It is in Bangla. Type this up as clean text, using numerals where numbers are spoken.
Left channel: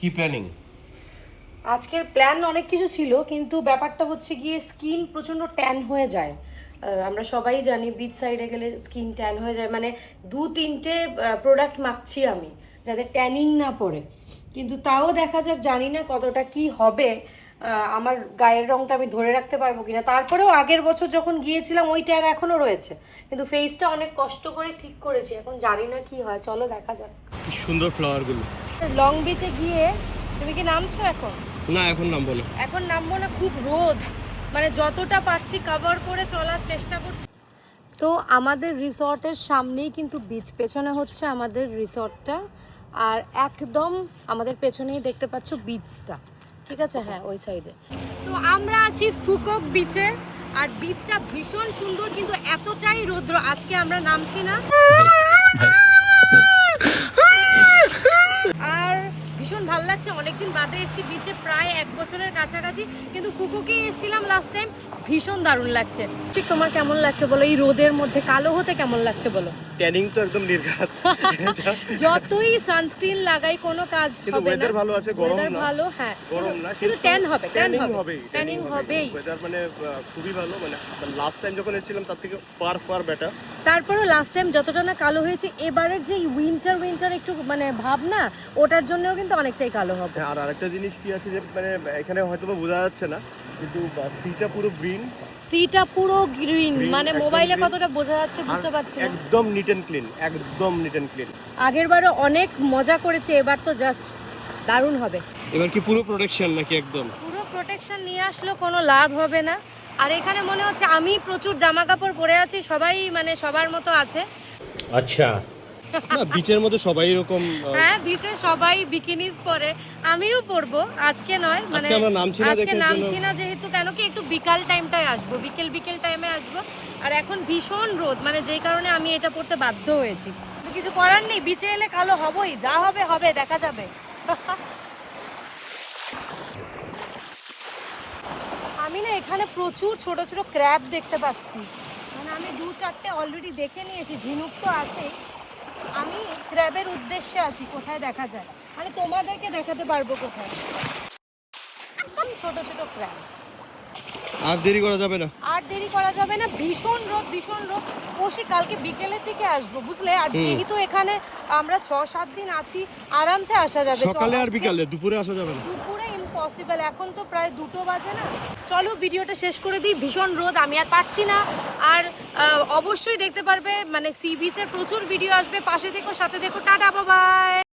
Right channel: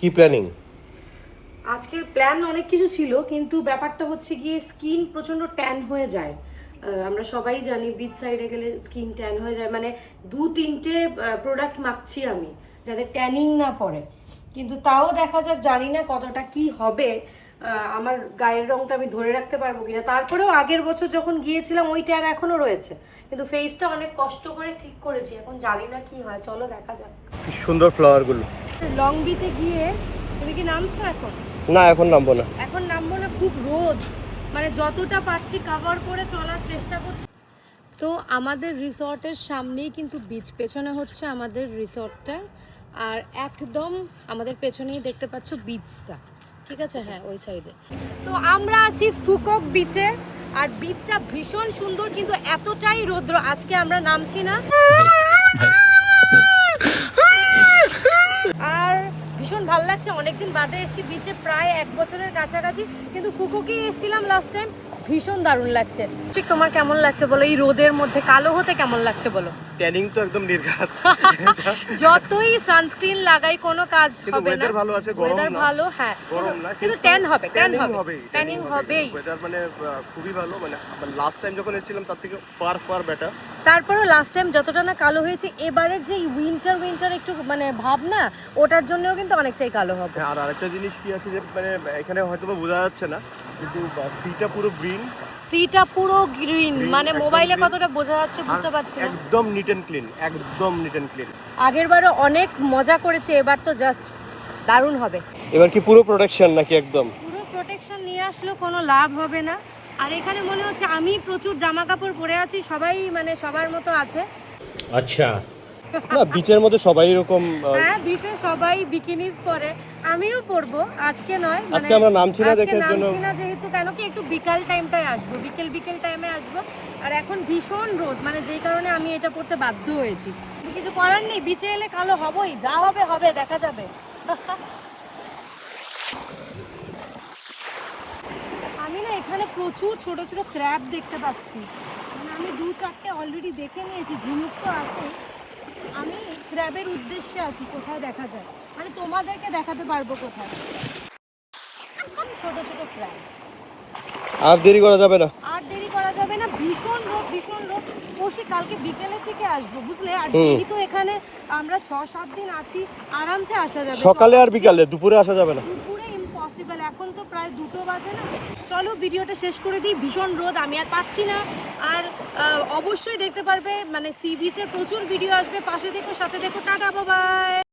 কি প্ল্যানিং? আজকের প্ল্যান অনেক কিছু ছিল, কিন্তু ব্যাপারটা হচ্ছে গিয়ে স্কিন প্রচণ্ড ট্যান হয়ে যায়। আমরা সবাই জানি বিচ সাইডে গেলে স্কিন ট্যান হয়ে যায়, মানে 2-3টে প্রোডাক্ট মাখছি আমি যাতে ট্যানিং না পড়ে, কিন্তু তাও দেখা যাক, জানি না কতটা কি হবে, আমার গায়ের রংটা আমি ধরে রাখতে পারবো কিনা। তারপরেও আগের বছর যখন গিয়েছিলাম ওই ট্যান এখনো রয়েছে, কিন্তু ফেসটা অনেক কষ্ট করে ঠিক করেছি, এখন জানি না কি হয়, চলো দেখা যাক। সুন্দর ফ্লাওয়ার গুলো। লং বিচে গিয়ে তুমি কি নামছো এখন? না, এখন নামবো না। এখন নামবো না, খুব রোদ, মানে যতটা পারছি কভার করে চলার চেষ্টা করছি। তো আমাদের রিসর্টের সামনেই কিন্তু বিচ, পেছনে হচ্ছে আমাদের রিসর্টটা, আর একদম আমাদের পেছনেই দেখতে পাচ্ছ বিচটা, ঠিক আছে? হ্যাঁ, ওই সাইডে। তো আমরা আছি ফুকক বিচে, আর বিচটা ভীষণ সুন্দর, কিন্তু এতটাই রৌদ্র আজকে আমরা নামছি না। আর ভীষণ ভালো লাগছে, অনেকদিন বাদে এসেছি বিচে, প্রায় 1 বছরের কাছাকাছি, কিন্তু ফুকুকেই এসেছিলাম লাস্ট টাইম, ভীষণ দারুণ লাগছে। ঠিক তোমার কেমন লাগছে বলো, এই রোদের মধ্যে কালো হতে কেমন লাগছে বলো? ট্যানিং তো একদম নির্ঘাত। যতই সানস্ক্রিন লাগাই কোনো কাজ কিন্তু হবে না। ওয়েদার ভালো আছে, গরম ওয়েদার না। ভালো, হ্যাঁ, গরম না, কিন্তু ট্যান হবে, ট্যান ট্যানিং হবেই। ওয়েদার মানে খুবই ভালো, মানে লাস্ট টাইম যখন এসেছিলাম তার থেকে ফার বেটার। তারপরও লাস্ট টাইম যতটা না কালো হয়েছে, এবারের যে উইন্টার একটু মানে ভাব না, ওটার জন্যও কিন্তু অনেকটাই কালো হবে। আর আরেকটা জিনিস কি আছে যে মানে এখানে হয়তো বোঝা যাচ্ছে না, কিন্তু সিটা পুরো গ্রিন। সিটা পুরো গ্রিন, মানে একদম মোবাইলে green। কতটা বোঝা যাচ্ছে বুঝতে পারছি না। একদম নিট এন্ড ক্লিন, একদম নিট এন্ড ক্লিন। আগের বারও অনেক মজা করেছে, এবার তো জাস্ট দারুণ হবে। এবার কি পুরো প্রোটেকশন নাকি একদম? পুরো প্রোটেকশন নিয়ে আসলেও কোনো লাভ হবে না। আর এখানে মনে হচ্ছে আমি প্রচুর জামা কাপড় পরে আছি, সবাই মানে সবার মতো আছে। আচ্ছা, না বিচের মধ্যে সবাই এরকম। হ্যাঁ, বিচে সবাই বিকিনিজ পরে, আমিও পরবো, আজকে নয়, মানে আজকে আমরা নামছি না, আজকে দেখার জন্য। নামছি না যেহেতু, কেন কি একটু বিকাল টাইমটায় আসবো, বিকেল টাইমে আসবো, আর এখন ভীষণ রোদ, মানে যেই কারণে আমি এটা পরতে বাধ্য হয়েছি। কিছু করার নেই, বিচে এলে কালো হবই, যা হবে হবে, দেখা যাবে। আমি না এখানে প্রচুর ছোট ছোট ক্র্যাব দেখতে পাচ্ছি, মানে আমি 2-4টে অলরেডি দেখে নিয়েছি, ঝিনুক তো আছেই। আমি ক্র্যাবের উদ্দেশ্যে আছি, কোথায় দেখা যায়, মানে তোমাদেরকে দেখাতে পারবো কোথায়। ছোট ছোট ক্র্যাব। আর দেরি করা যাবে না। আর দেরি করা যাবে না, ভীষণ রোদ। বসে কালকে বিকেলের দিকে আসবো, বুঝলে? আর যেহেতু এখানে আমরা 6-7 দিন আছি, আরামসে আসা যাবে। সকালে আর বিকালে, দুপুরে আসা যাবে না। দুপুরে ইম্পসিবল, এখন তো প্রায় 2টো বাজে না। চলো ভিডিওটা শেষ করে দিই, ভীষণ রোদ, আমি আর পারছি না। আর অবশ্যই দেখতে পারবে, মানে সি বিচের প্রচুর ভিডিও আসবে, পাশে থেকো, সাথে থেকো, টাটা, বাই বাই।